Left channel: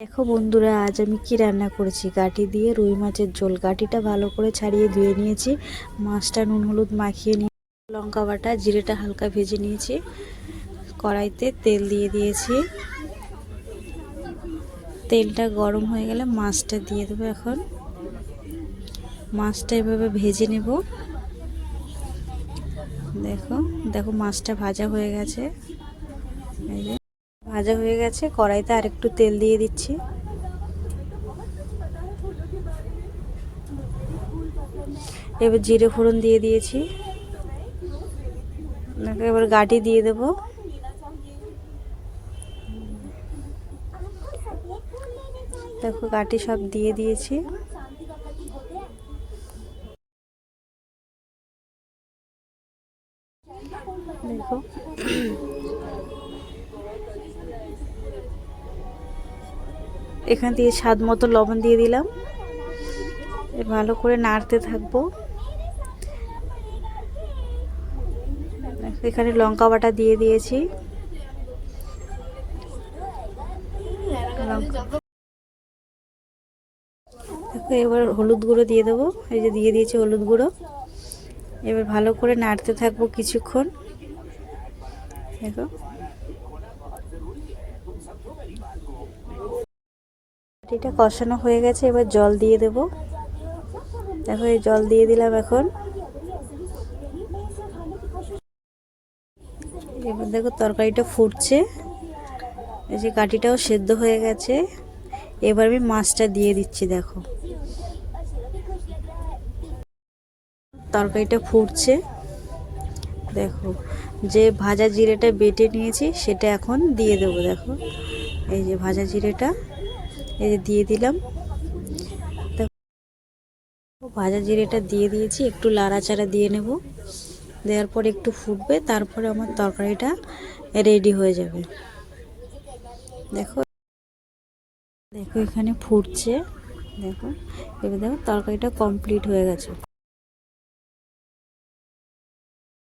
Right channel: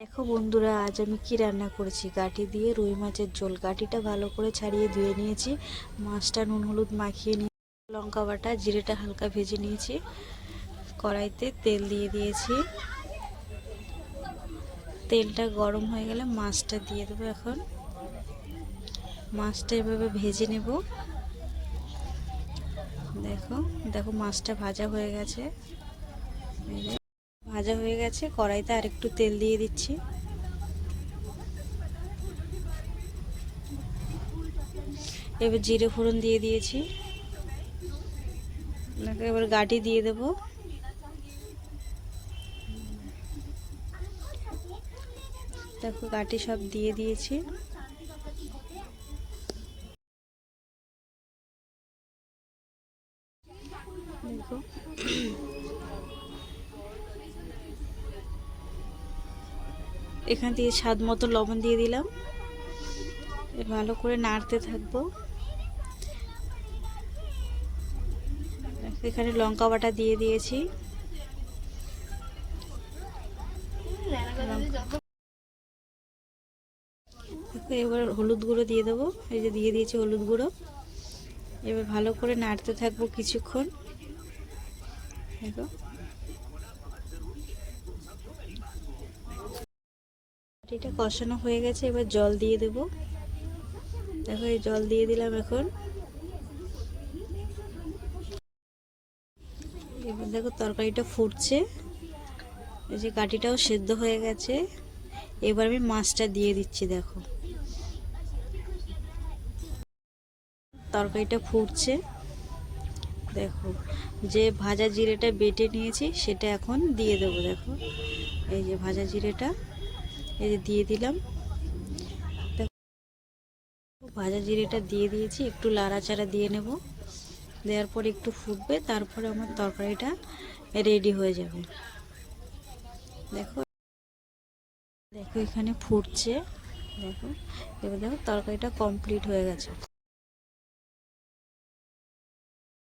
দেখো বন্ধুরা, আজ আমি কি রান্না করেছি। গাঁটি দিয়ে রুই মাছের ঝোল। গাঁটিটা ভালো করে ছাড়িয়ে ধুয়ে নিয়েছি, মাছটা নুন হলুদ মাখিয়ে নিয়ে লঙ্কা বাটা জিরেটা হালকা ভেজে নিয়েছি। কড়াইতে তেল দিয়ে দিয়েছি, তেলটা গরম হয়ে গেলে মাছটা দিয়ে দেবো। এখন মাছটা এভাবে ভেজে নেব। দেখো দেখো মাছটা ভাজা হয়ে গেছে। এই যে ভাজা হয়ে গেছে, কড়াইতে আরেকটু তেল দিয়ে দিচ্ছি। এবার জিরে ফোড়ন দিয়ে দিয়েছি। এবার গাঁটি দিয়ে দেব। দেখো গাঁটি সব দিয়ে দিয়েছি। দেখো এখান দিয়ে স্বাদ মতো লবণ দিয়ে দিলাম। ভালো করে নাড়তে থাকবো। এখানে লঙ্কা বাটা দিয়ে দিয়েছি। এবার হলুদ গুঁড়ো দিয়ে দেবো। এই যে দিয়ে দিয়েছি হলুদ গুঁড়ো। এবার ভালো করে নাড়তে থাকবো কিছুক্ষণ। দেখো এটা কষানো হয়ে গেছে, এবার জল দিয়ে দেব। দেখো এই জল দিয়ে দিলাম। এখন এবার দেখো তরকারিটা ফুটছে। এই যে গাঁটিটাও সেদ্ধ হয়ে গেছে। এবার আমি মাছটা দিয়ে দিচ্ছি। দেখো তরকারিটা ফুটছে। দেখো যে ভাজা জিরেটা বেটে নিয়েছি সেটা এখন দিয়ে দেবো। দেখো এই যে ভাজা জিরেটা এই যে দিয়ে দিলাম। ভাজা জিরেটা দিয়ে দিয়েছি, একটু লাড়াচাড়া দিয়ে নেব। দেওয়ার পর একটু ফুটবে, তারপরে আমার তরকারিটা রেডি হয়ে যাবে। দেখো দেখো এখানে ফুটছে। দেখো এবার দেখো তরকারিটা কমপ্লিট হয়ে গেছে।